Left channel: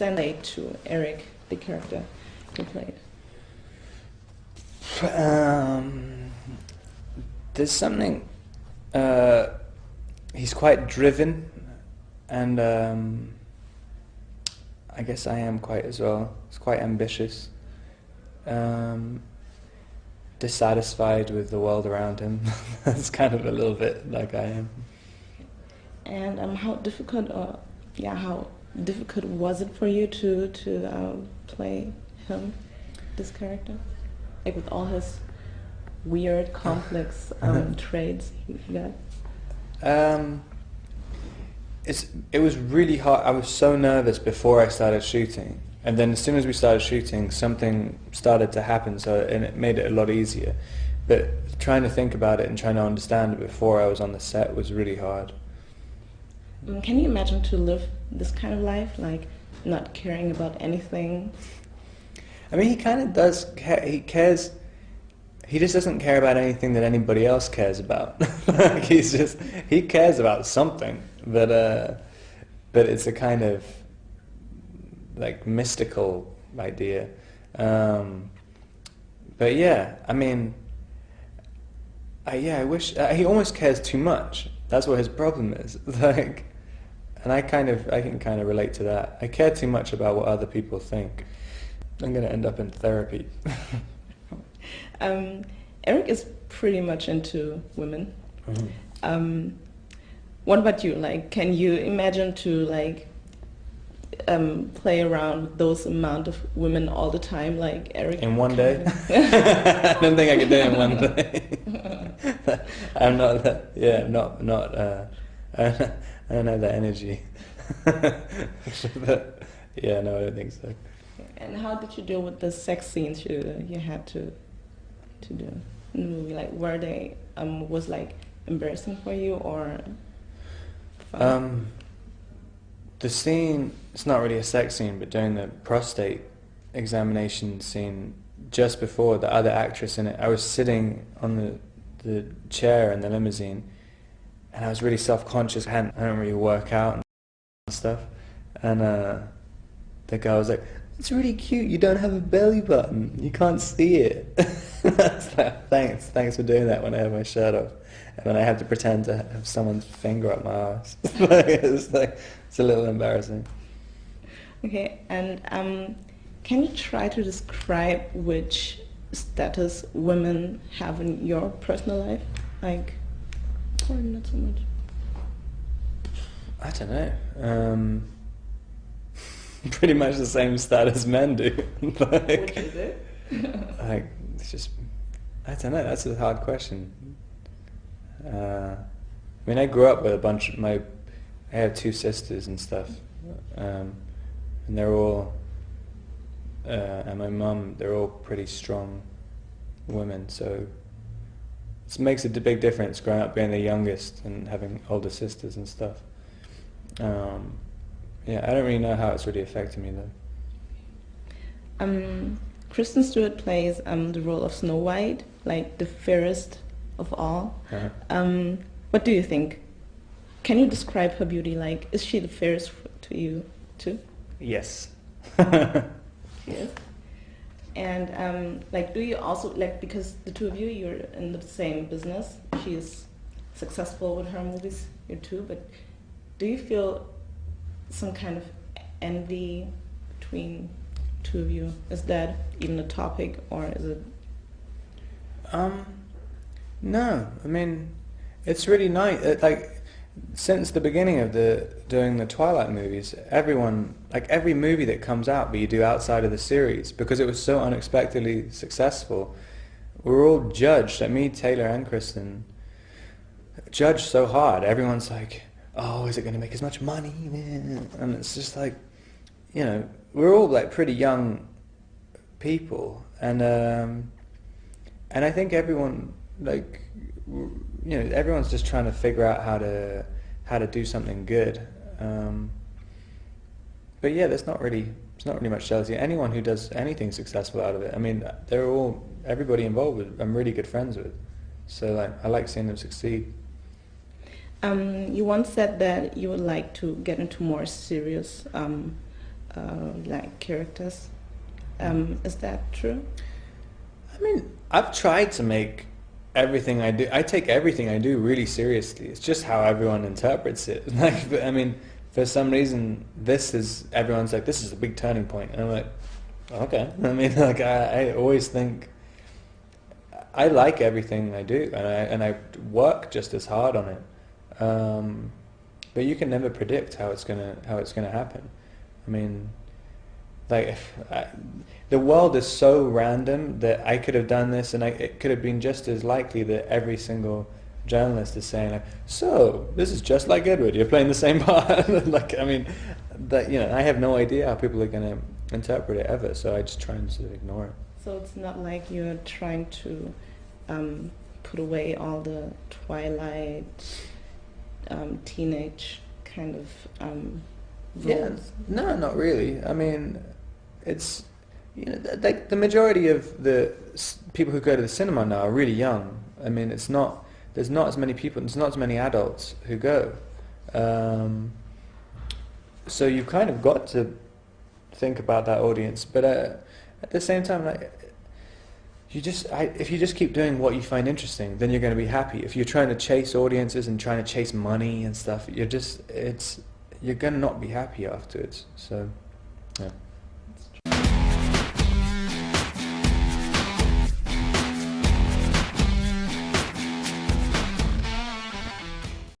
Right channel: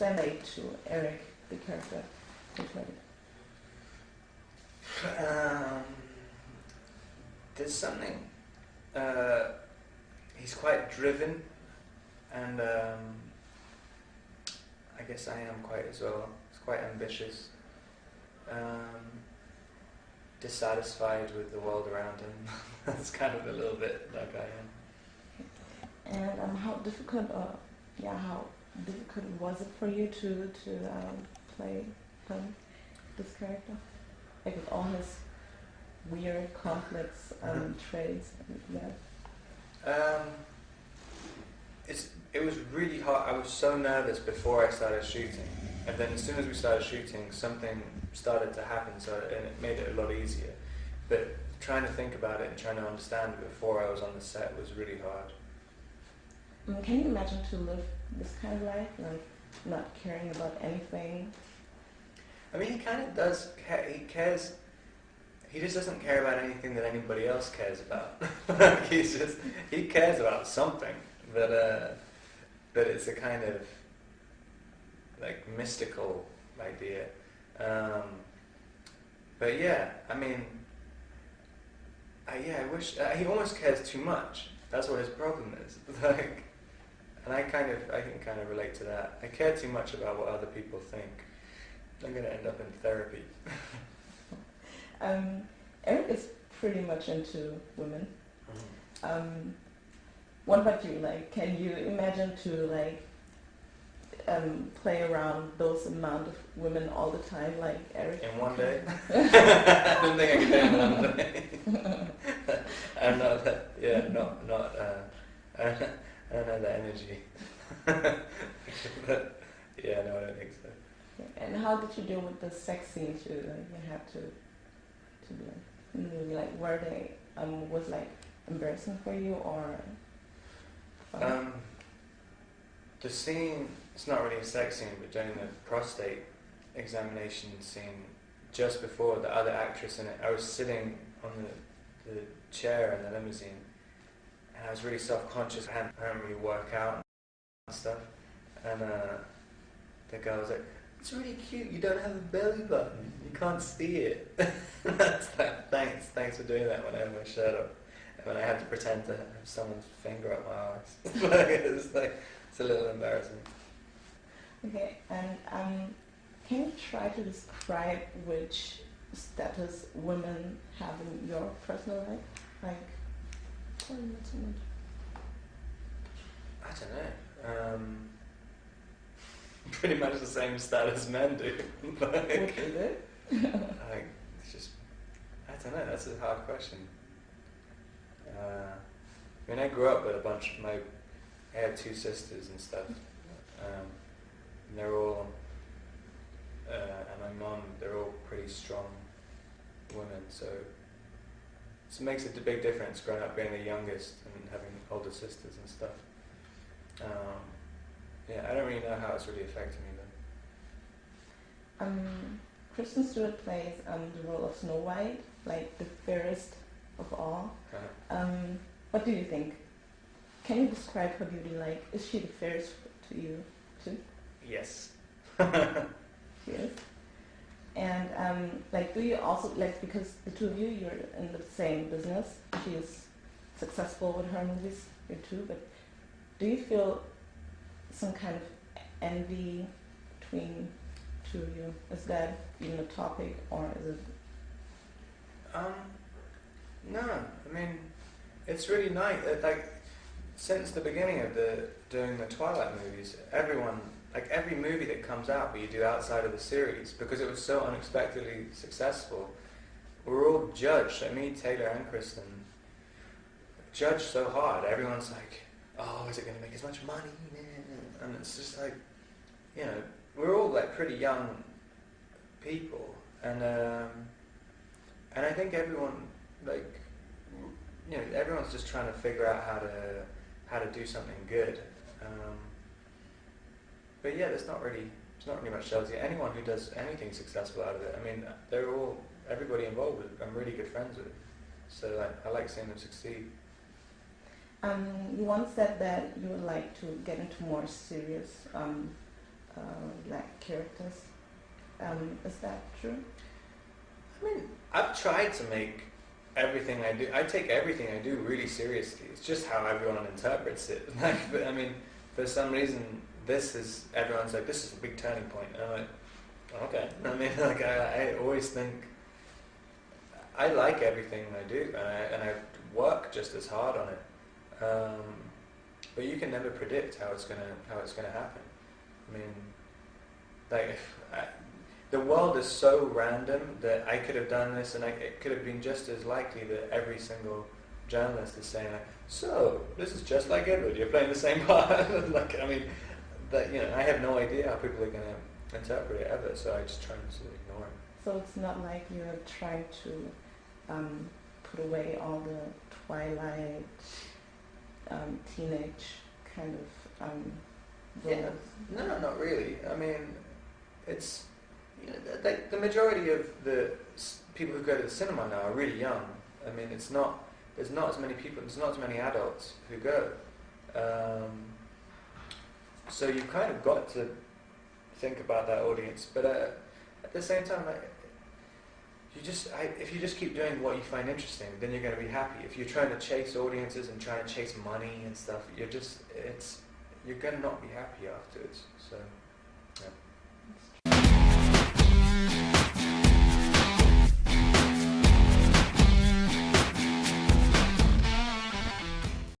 relate to Eric, the character you played? There's something. He's quite driven, and I guess I am quite as well. He's quite ambitious, dissatisfied with the world around him. That's kind of a little bit like I am. And how difficult was it for you to play him, this character, like with all his weird, complex traits you got? It was really hard. I was so nervous before I started shooting, and then as soon as we started shooting, something started to happen. And it made it a lot easier. But trying to think about it and trying to understand it before I was on the set was really hard. Can you imagine to live this kind of life, like not caring about anything? I mean, he kind of does. He cares. He just doesn't care about anything that anybody else cares about. Like he cares about something, but it's a kind of like mystical idea. But yeah, I mean, I wish he almost cares too much. That's what his problem is. Like, and I can kind of relate to that. I care too much about what other people think. I'm going to end up in therapy. Eric is pretty much into women. Mm-hmm. What about you? Like, can you imagine to like play around with those amount of women all the time, like Eric? In one day? I don't think I could do it in one day. I'm not that. Yeah, not. I don't have that energy. But yeah, no, I don't think so. And how did you deal with the sex scenes you had to do in the movie? Like, were they was like embarrassing for you or fun? The scene, it's not really a sex scene, but during the prostate examination scene, just before the other actress in it, I was sitting on the chair in the limousine, and I was really self-conscious. I don't really work out and stuff, and the girl was like, "It's really cute, you don't have a belly button, you can't see it." I was like, thanks for doing that when I have my shirt off. And when I have to pretend to have someone's finger up my ass. It's a little embarrassing. Okay, and can you try to describe which status women have in your personal life? Like, or not so much? I don't know. Pretty much the same status men do. Like, Which is it? like, it's just, I don't know, that's a hard question. I mean, I grew up with a bunch of I have two sisters and stuff, and they're all, and my mum, they're all pretty strong women, so it makes a big difference growing up being the youngest and having older sisters and stuff. Yeah, I don't really know how it's really affected me though. Kristen Stewart plays the role of Snow White, like the fairest of all. Uh-huh. What do you think? Can you describe her beauty? Like, is she the fairest to you too? Yes. Yes. And like, do you also like, because the two of you, you're in the same business. She is successful with her movies, you too. But do you feel some kind of envy between two of you? Is that even a topic, or is it? No, I mean, it's really nice. Like, since the beginning of doing the Twilight movies, everyone, like every movie that comes out that you do outside of the series, because it was so unexpectedly successful, we're all judged, like me, Taylor and Kristen, judged so hard. Everyone's like, oh, is it going to make as much money? And it's just like, you know, we're all like pretty young people, and I think everyone, like, you know, everyone's just trying to figure out how to do something good. But yeah, it's not really much jealousy. Anyone who does anything successful out of it, I mean, everybody involved with, I'm really good friends with. So like, I like seeing them succeed. You once said that you would like to get into more serious like characters. Is that true? I mean, I've tried to make everything I do. I take everything I do really seriously. It's just how everyone interprets it. Like, I mean, for some reason, everyone's like, this is a big turning point, and I'm like, okay. I mean, like, I always think I like everything I do, and I work just as hard on it. But you can never predict how it's gonna happen. I mean, like, the world is so random that I could have done this, and it could have been just as likely that every single journalist is saying, like, so this is just like Edward, you're playing the same part. Like, I mean, that, you know, I have no idea how people are going to interpret it ever, so I just try and sort of ignore it. So it's not like you're trying to put away all the Twilight teenage kind of roles. Yeah, no, not really. I mean, it's, you know, like, the majority of the people who go to the cinema now are really young. I mean, there's not as many people, there's not as many adults who go. So you've kind of got to think about that audience, but at the same time, like, if you just keep doing what you find interesting, then you're going to be happy. If you're trying to chase audiences and trying to chase money and stuff, you're going to not be happy afterwards. So, yeah.